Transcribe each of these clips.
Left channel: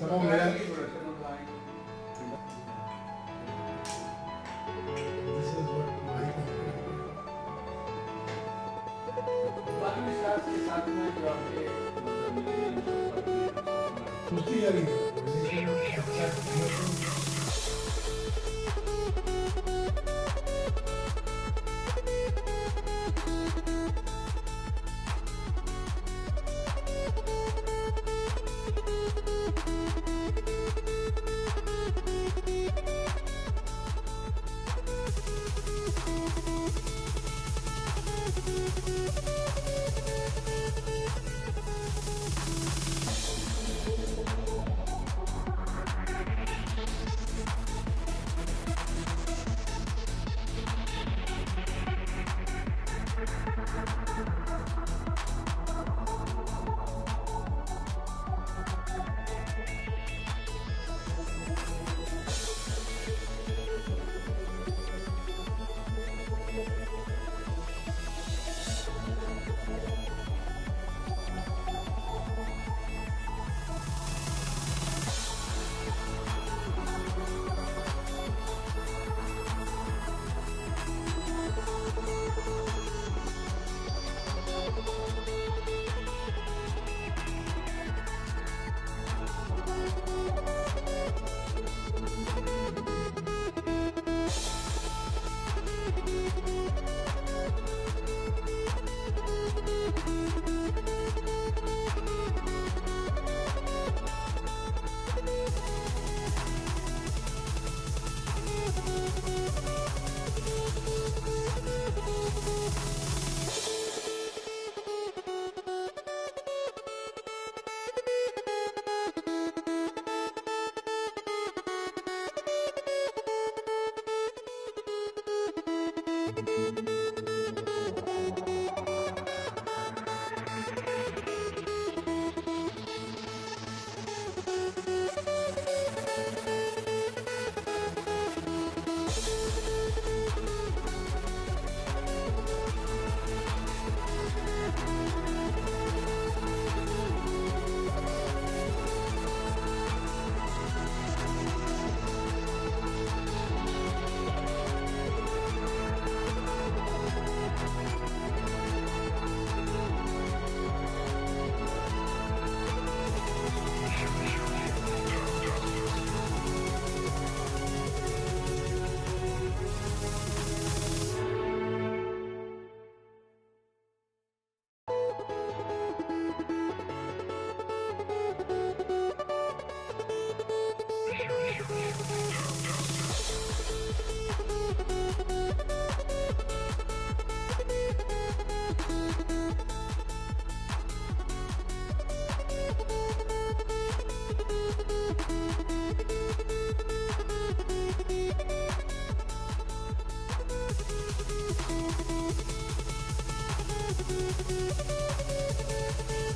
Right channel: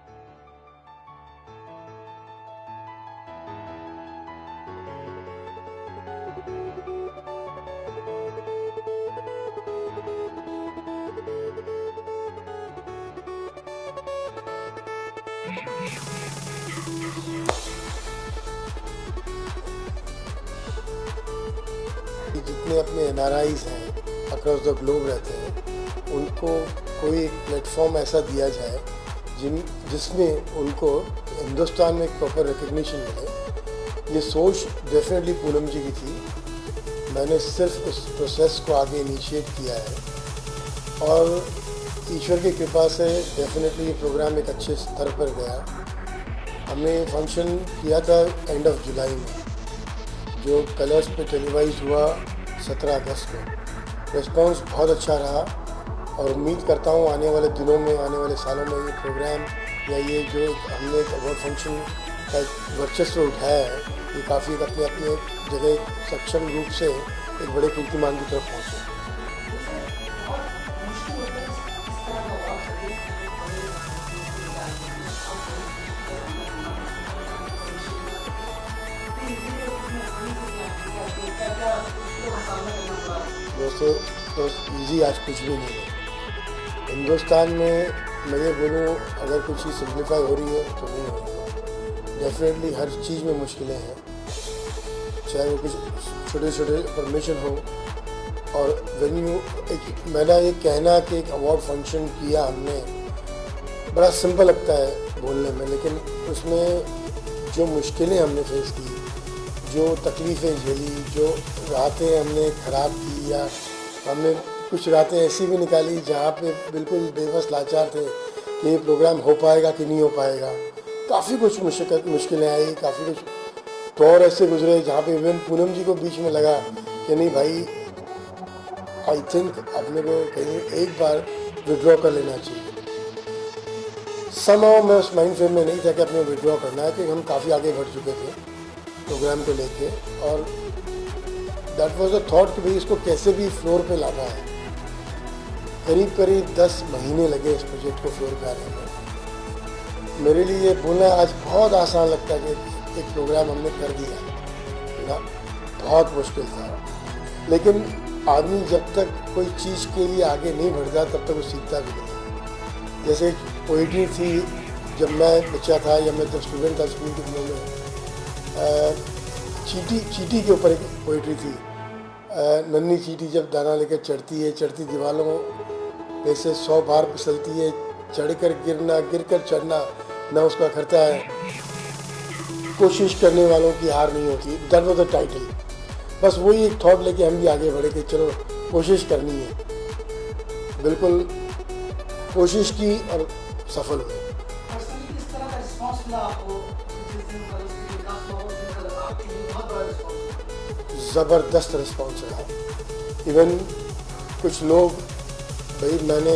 जितने अपने NRIs हैं अक्रॉस द ग्लोब रहते हैं, उनको कोई एक प्लेटफॉर्म ऐसा दिया जाए जिसमें उनको हिंदुस्तान में एक प्रॉपर रिकग्निशन मिले। ये सोच डेफिनेटली पूनम जी की थी। मैंने सिर्फ उस प्रोसेस को आगे इनिशिएट किया है और ईश्वर की कृपा से डेफिनेटली ये प्रोग्राम एक अच्छे स्तर पर गया। हमने फंक्शन किया था एंड ऑफ जुलाई में, जो कलर्स पे टेलीवाइज हुआ 17 अगस्त को। रिस्पॉन्स बहुत अच्छा रहा और उम्मीद करता हूँ आने वाले दिनों में, आने वाले सालों में ये प्रोग्राम या ये जो हमने एक अवार्ड फंक्शन का वर्चस्व उठाया है, ये काफ़ी अपने अपने जगह सक्षम रूप से एक बड़े कीर्तिमान की तरफ पहुँचे। वैसे तो ईजी आज कुछ भी नहीं है हिंदुस्तान में। मैं ये बोलूँ अगर कुछ चीज़ सिंप्लीफाई हो रही है तो नहीं हो रही है। डेफिनेटली हर चीज़ में मुश्किलें हैं, चाहे वो कुछ छोटे छोटे परमिशन हो। और वेन्यू एक मेरा ये कहना कि एक अवार्ड फंक्शन किया हमने, बड़ा सिंपल लगता है बोलने में, लेकिन उसमें जो मुश्किलें हमने फेस की, जो तकलीफ़ें झेली, जो रातें हमने ख़राब की, या हमने कुछ रातें ऐसी भी निकाली जहाँ पे बिल्कुल बेबस लाचार थे कि ये प्रोग्राम हो पाएगा कि नहीं हो पाएगा। काफ़ी कुछ मुश्किलें आई, काफ़ी कुछ दौर ऐसे गुजरे जहाँ पे इवन पूनम जी को बीच में लगा कि नहीं भाई, आई थिंक अपने को कहीं एक बार विड्रॉ कर लेना चाहिए। समय मैं उस माइंड फ्रेम में नहीं था कि अपने विड्रॉ करना है, कि हम काफ़ी आगे बढ़ चुके थे प्रोग्राम को लेके, और दैट वाज अ थॉट कि भाई इसको कैसे भी फ्लोर पे लाना है। करीब करीब 10 महीने लगे इस प्रोजेक्ट को फ्लोर पे आने में। मेरे लिए ये बोलना आज बहुत आसान लगता है कि एक प्रोग्राम हमने कर दिया, बहुत मुश्किल था। लेकिन आदमी जब तक कोई चीज़ के लिए आगे नहीं बढ़ता तब तक वो सीखता भी नहीं। जैसे पोइट्री थी, जब मैं बच्चा था या मैं जब स्टूडेंट था स्कूल के दिनों में, चींटी के ऊपर एक पोइट्री थी। नन्ही चींटी जब दाना लेकर चढ़ती है, चढ़ती दीवारों पे से 100 बार फिसलती है, चढ़कर गिरना, गिरकर चढ़ना ना उसका करता है, कोशिश करने वालों की हार नहीं होती। That was the title. बस वही एक थॉट लेके हम भी आगे बढ़े कि चलो कोशिश करनी है। बिल्कुल कोशिश की और सफल हुए। ज़बरदस्त रिस्पॉन्स रहा। इवन कुछ लोग, भाई मैंने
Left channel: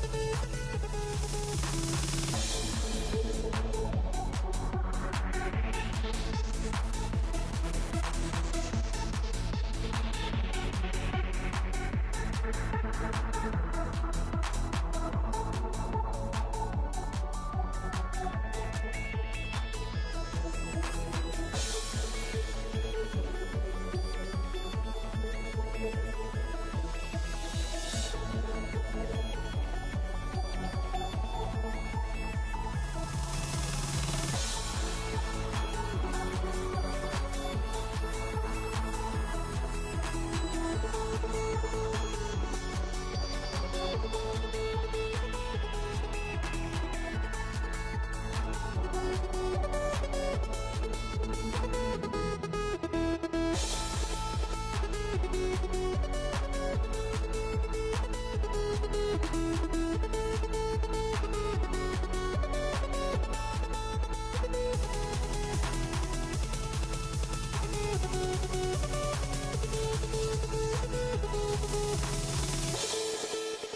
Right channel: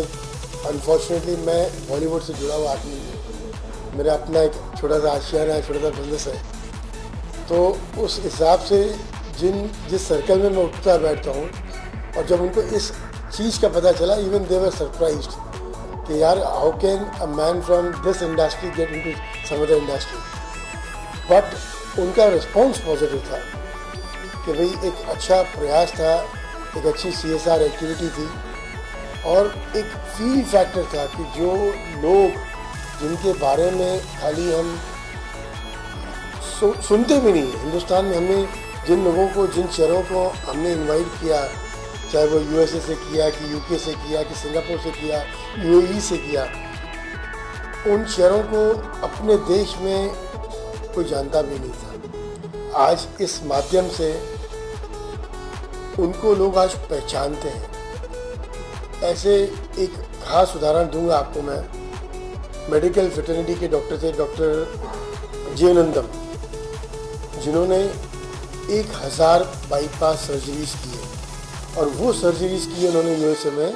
अनफॉर्चुनेटली मैं बॉलीवुड से जुड़ा हुआ आदमी हूँ, मेरा अपना एक छोटा सा आशियाना है, छोटा सा बिजनेस है, तो उस हिसाब से जिस सर्कल में मैं उठता बैठता हूँ, और जब उनको इस चीज़ का पता चला, इवन दे वर सरप्राइज्ड कि यार how can a man from this industry get into some other industry. But उनका रिस्पॉन्स पॉजिटिव था कि भाई एक अच्छा प्रयास था, एक अच्छी CSR एक्टिविटी थी, और एक फील फैक्टर था कि जो लोग जिनके बारे में खाली हम सुनते भी नहीं, हिंदुस्तान में हमने जिन लोगों को, जिन शहरों को हमने इनवाइट किया, चाहे वो USA से किया कि UK से किया कि सिंगापुर से किया, UAE से किया, उन शहरों को अपने देश में कोई जानता भी नहीं था। आज इस माध्यम से उनको लोग आज पहचानते हैं। ऐसे एक खास उदाहरण दूंगा आपको मैं। मेडिकल फ्रेटर्निटी के डॉक्टर थे, डॉक्टर जीवनंदम, जिन्होंने 1000 बाईपास सर्जरीज किए, और वो सर्जरीज किए उन्होंने USA में,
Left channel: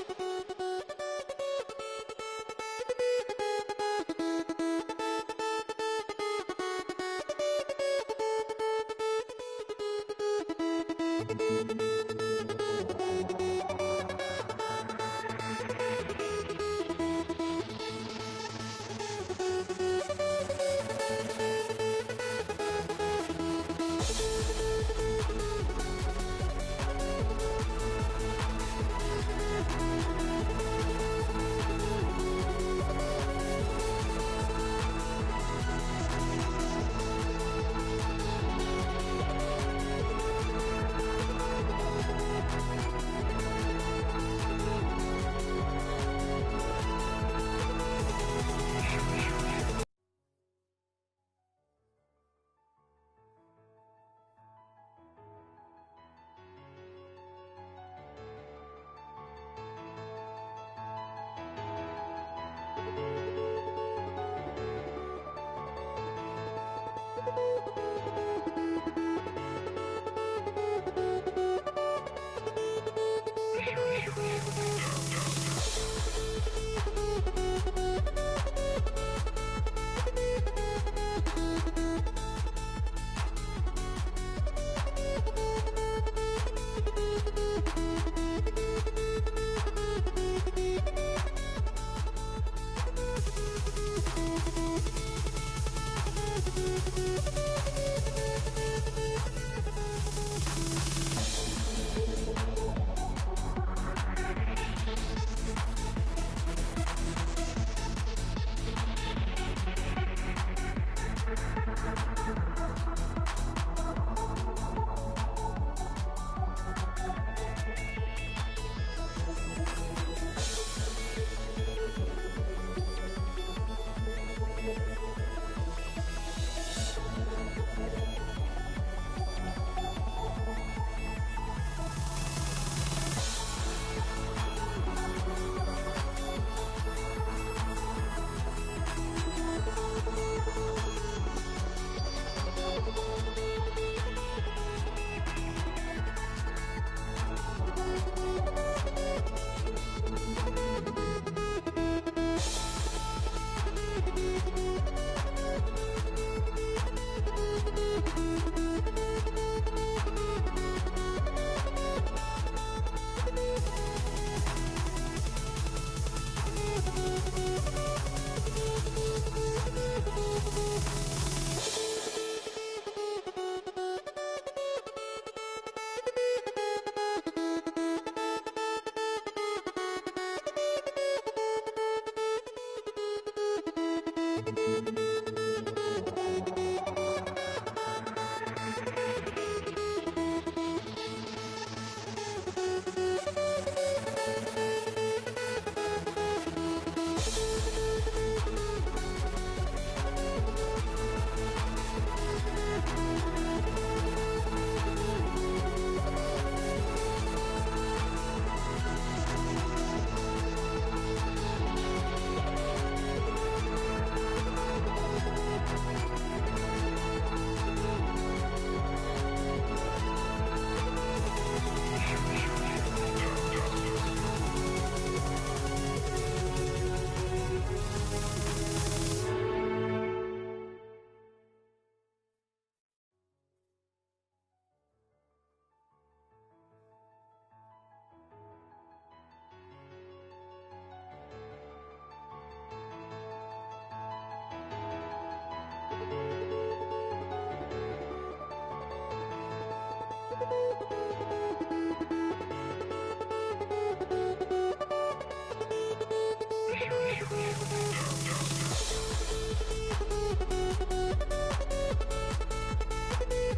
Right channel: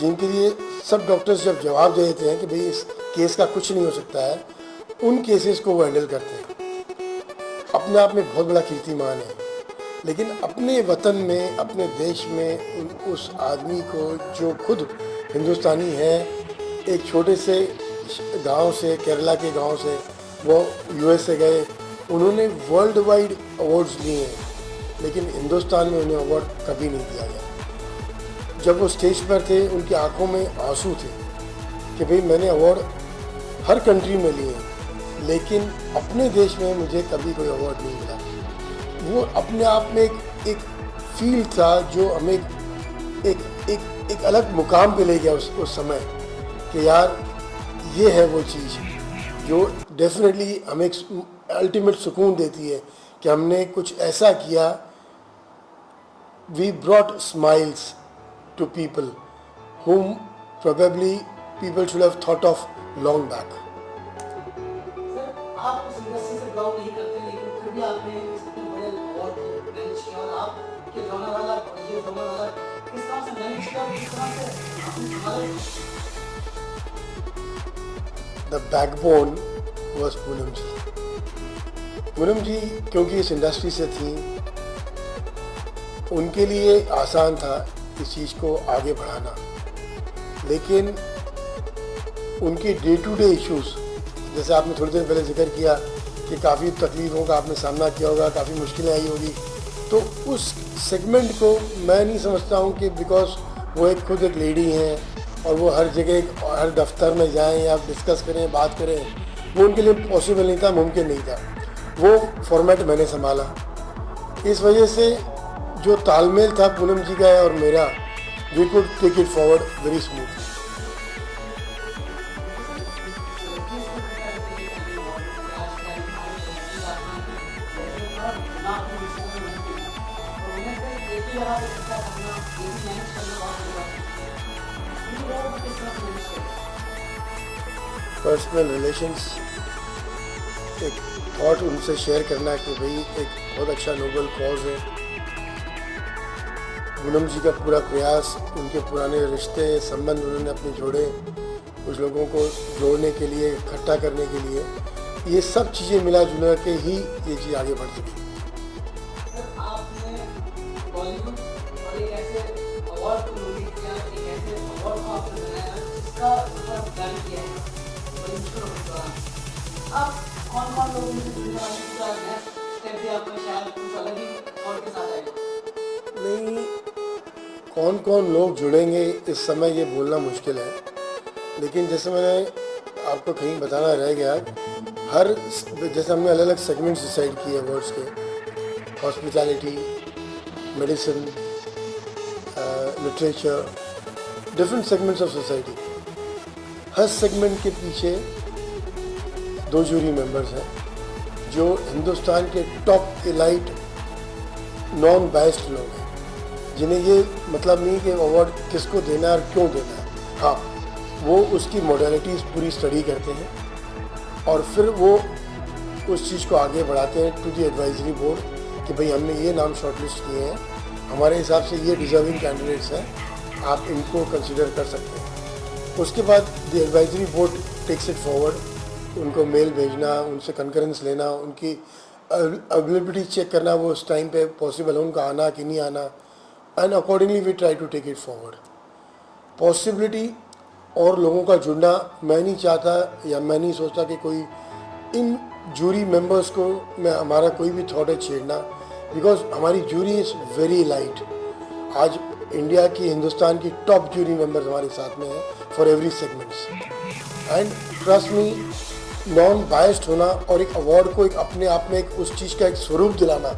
जिनके लिए सब डॉक्टर्स जब जवाब दे देते हैं कि भाई इस केस का कुछ नहीं हो सकता है, उन केसेस को वो हैंडल करते हैं। अपने आप में बहुत बड़ा कीर्तिमान है। लेकिन अपने वतन में, अपने देश में उस आदमी को जो खुद हिंदुस्तानी है, एक छोटे से गांव से, केरला के गांव से, वो यूएस से गए, उन्होंने वर्ल्ड वाइड अवार्ड्स लिए हैं, लेकिन हिंदुस्तान में उन्हें अवार्ड कभी नहीं दिया गया। जब वो स्टेज पर थे उनकी आंखों में आंसू थे कि भाई मैंने अवार्ड हर कंट्री में लिए, लेकिन अपने देश में मुझे कभी कोई अवार्ड नहीं मिला। वो अपने आप में एक फील था जो हमें एक अलग मुकाम पे ले गया उस समय, कि यार ये है वो चीज़ जो डेफिनेटली हमें एक अल्टीमेट सुकून देती है कि हमने कुछ ऐसा किया। We brought smiles to people whom probably people should have thought of long back. Sir आप उस इंडस्ट्री से बिलोंग नहीं करते, लेकिन फिर भी आपने बड़े अवार्ड मैनेज किया और आपके लोनावाला किस तरह से मैनेज किया, किस तरह से The backbone was पूनम जी। पूनम जी क्योंकि इस इंडस्ट्री से थी, उनके लिए आसान था इस चीज़ को आगे बढ़ाना, लेकिन उनके डे टू डे इश्यूज, जैसे आपने थोड़ी देर पहले जिक्र किया कि काफ़ी तकलीफों का आपने सामना किया होगा, काफ़ी मुश्किलें आई होगी, तो उस सेगमेंट को मैं नहीं समझता हूँ कि बिकॉज वो एक खुद एक लेडी हैं और वो हर जगह हर दफ्तर में जाएं या डिस्कस करें, बात करें, वो उनके लिए पॉसिबल नहीं था, मुमकिन नहीं था। वो फॉर्मेट मैंने संभाला, इस वजह से जो तालमेल था पूनम जी का और मेरा, we could take it forward very smooth. Personal relations, एक थॉट उनसे शेयर करना कि भाई एक बहुत अच्छा नोबल कॉज है। पूनम जी का पूरा प्रयास, उनके पुराने रिश्ते संबंध उन्होंने अपने जोड़े, कुछ लोगों को जोड़ने के लिए, इकट्ठा करने के लिए, ये सब चीज़ें मिला जुला के ही ये चीज़ आगे बढ़ सकती है। नहीं, कौन कौन लोग जुड़ेंगे इस समय ये बोलना मुश्किल है, लेकिन जैसे मैंने आपको कहीं बताना रह गया, हर जैसे हमने अलग अलग सेगमेंट्स डिसाइड किए वर्ड्स के, hospitality, medicine, literature, different segments of society. Her segment के पीछे 2 जूरी मेंबर्स हैं जो हिंदुस्तान के टॉप एलाइट नॉन बायस्ड लोग हैं, जिन्हें ये मतलब नहीं कि अवार्ड किसको देना है और क्यों देना है। हाँ, वो उसकी मॉडलिटीज़ पूरी स्टडी करते हैं और फिर वो उस चीज़ को आगे बढ़ाते हैं टू दी एडवाइजरी बोर्ड कि भाई हमने ये नाम शॉर्टलिस्ट किए हैं, हमारे हिसाब से ये डिजर्विंग कैंडिडेट्स हैं, आप इनको कंसिडर कर सकते हैं। उसके बाद the advisory board takes it forward, उनको मेल भेजना, उनसे कंकरेंस लेना, उनकी अवेलेबिलिटी चेक करना, वो उस टाइम पे पॉसिबल है उनका आना कि नहीं आना, and accordingly we try to take it forward. Possibility और लोगों का जुड़ना, मैं नहीं चाहता या मैं नहीं सोचता कि कोई इन जूरी मेंबर्स को मैं हमारा कोई भी थॉट है छेड़ना, बिकॉज हमारी जूरी इज़ वेरी लाइट। आज इंडिया की, हिंदुस्तान की टॉप जूरी मेंबर्स हमारे साथ में हैं for every segments, and trust me, non biased होना और एक अवार्ड को एक अपने आप में एक उस चीज़ का एक स्वरूप दिलाना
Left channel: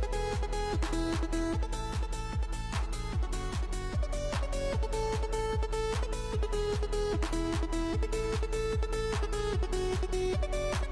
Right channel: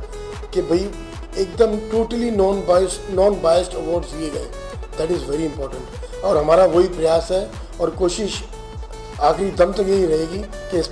कि भाई एकदम टोटली नॉन बायस्ड अवार्ड दिए गए, दैट इज़ वेरी इंपॉर्टेंट। और हमारा वही प्रयास है और कोशिश आखिरी दम तक यही रहेगी कि